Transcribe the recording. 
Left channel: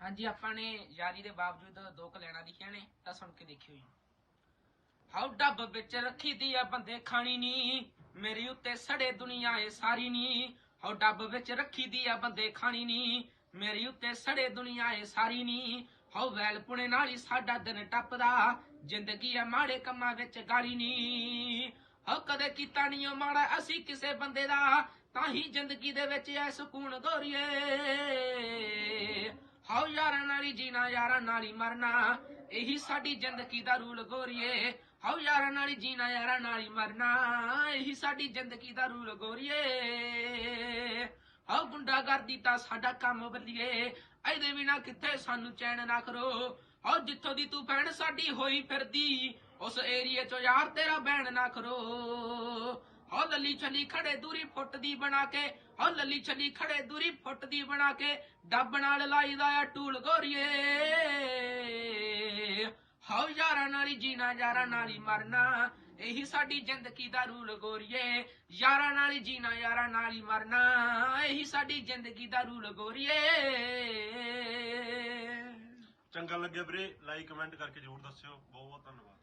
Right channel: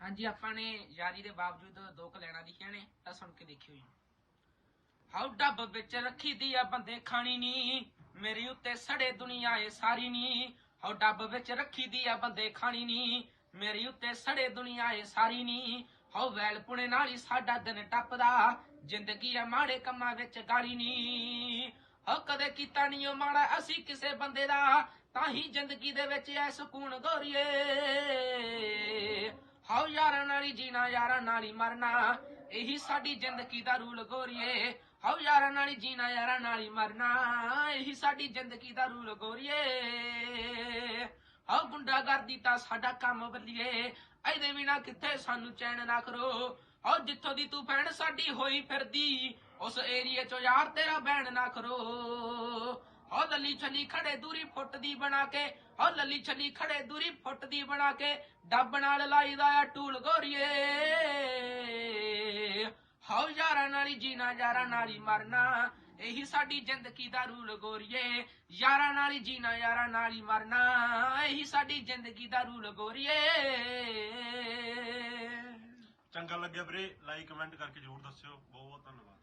ਹਾਂਜੀ, ਆਪਾਂ ਨੇ ਯਾਰੀ ਦੇ ਬਾਵਜੂਦ ਦੋ ਕਲੈਣਾ ਲਿਖੀਆਂ ਨੇ, ਤਾਂ ਸੁਣ ਕੇ ਦੇਖਿਓ ਜੀ। ਹਾਉ ਡੱਬ ਵਿੱਚ ਰੱਖੀ ਦੀ ਆ ਬੰਦੇ ਖਾਣੀ ਨੀ, ਮੇਰੀ ਉੱਤੇ ਸੜੇ ਦੁਨੀਆ ਏ ਸਾਰੀ ਨੀ। ਹਾਉ ਡੱਬ ਵਿੱਚ ਰੱਖੀ ਦੀ ਆ ਬੰਦੇ ਖਾਣੀ ਨੀ, ਮੇਰੀ ਉੱਤੇ ਸੜੇ ਦੁਨੀਆ ਏ ਸਾਰੀ ਨੀ। ਹਾਉ ਵੈਲ ਪੁਣੇ ਨਾਲ ਹੀ ਸਾਡਾ ਦਿਨ ਟੱਪਦਾ, ਜ਼ਿੰਦਗੀ ਆ ਮਾੜੇ ਕੰਮਾਂ ਵਿੱਚ ਗਾਲੀ ਨੀ। ਹੋ ਕਦੇ ਕੀਤਾ ਨਹੀਂ ਉਹ ਮਾੜਾ ਅਸੀਂ ਕਿਸੇ ਬੰਦੇ ਦਾ, ਤਾਂ ਹੀ ਜ਼ਿੰਦਗੀ ਦੇ ਵਿੱਚ ਐ ਸਕੂਨ ਗੋਰੀਏ। ਹੀ ਜੀਣਾ ਯਾਰਾਂ ਨਾਲ ਹੀ ਮਰਨਾ, ਇਹੀ ਸਾਡੀ ਜ਼ਿੰਦਗੀ ਦਾ ਰੂਲ ਗੋਰੀਏ। ਹਾਉ ਯਾਰਾਂ ਨਾਲ ਹੀ ਜੀਣਾ, ਯਾਰਾਂ ਨਾਲ ਹੀ ਮਰਨਾ, ਇਹੀ ਸਾਡੀ ਜ਼ਿੰਦਗੀ ਦਾ ਰੂਲ ਗੋਰੀਏ। ਹਾਉ ਗੁੰਡਾਗਰਦੀ ਤਾਂ ਸਾਡਾ ਕੰਮ ਬੱਲੀਏ ਇਹਦੇ ਬਿਨਾ ਕਿੱਥੇ ਸਾਨੂੰ ਚੈਨ ਨਾ ਕਰੋ। ਹਾਉ ਜਿੱਥੋਂ ਦੀ ਤੂੰ ਭੈਣ ਸਾਡੀ ਹੋਈ ਫਿਰਦੀ, ਉਸ ਏਰੀਏ ਚੋਂ ਯਾਰ ਤੇਰਾ ਬੈਣ ਨਾ ਕਰੋ। ਹੋ ਲੱਲੀ ਛੱਲੀ ਖੜੇ ਦੂਰੀ ਫੁੱਟ ਦੀ ਬਣਾ ਕੇ ਹੋ ਲੱਲੀ ਛੱਲੀ ਖੜੇ ਦੂਰੀ ਫੁੱਟ ਦੀ ਬਣਾ ਕੇ, ਡੱਬ ਨਾਲ ਲਾਈਦਾ ਆ ਟੂਲ ਗੋਰੀਏ। ਹਾਉ ਯਾਰਾਂ ਨਾਲ ਹੀ ਜੀਣਾ, ਯਾਰਾਂ ਨਾਲ ਹੀ ਮਰਨਾ, ਇਹੀ ਸਾਡੀ ਜ਼ਿੰਦਗੀ ਦਾ ਰੂਲ ਗੋਰੀਏ। ਯਾਰਾਂ ਨਾਲ ਹੀ ਜੀਣਾ, ਯਾਰਾਂ ਨਾਲ ਹੀ ਮਰਨਾ, ਇਹੀ ਸਾਡੀ ਜ਼ਿੰਦਗੀ ਦਾ ਰੂਲ ਗੋਰੀਏ। ਚੰਗਾ ਲੱਗਿਆ ਵੀਰੇ, ਲਾਈਕ ਕਮੈਂਟ ਕਰਕੇ ਜ਼ਰੂਰ ਦੱਸਿਓ। ਬਹੁਤ ਬਹੁਤ ਧੰਨਵਾਦ।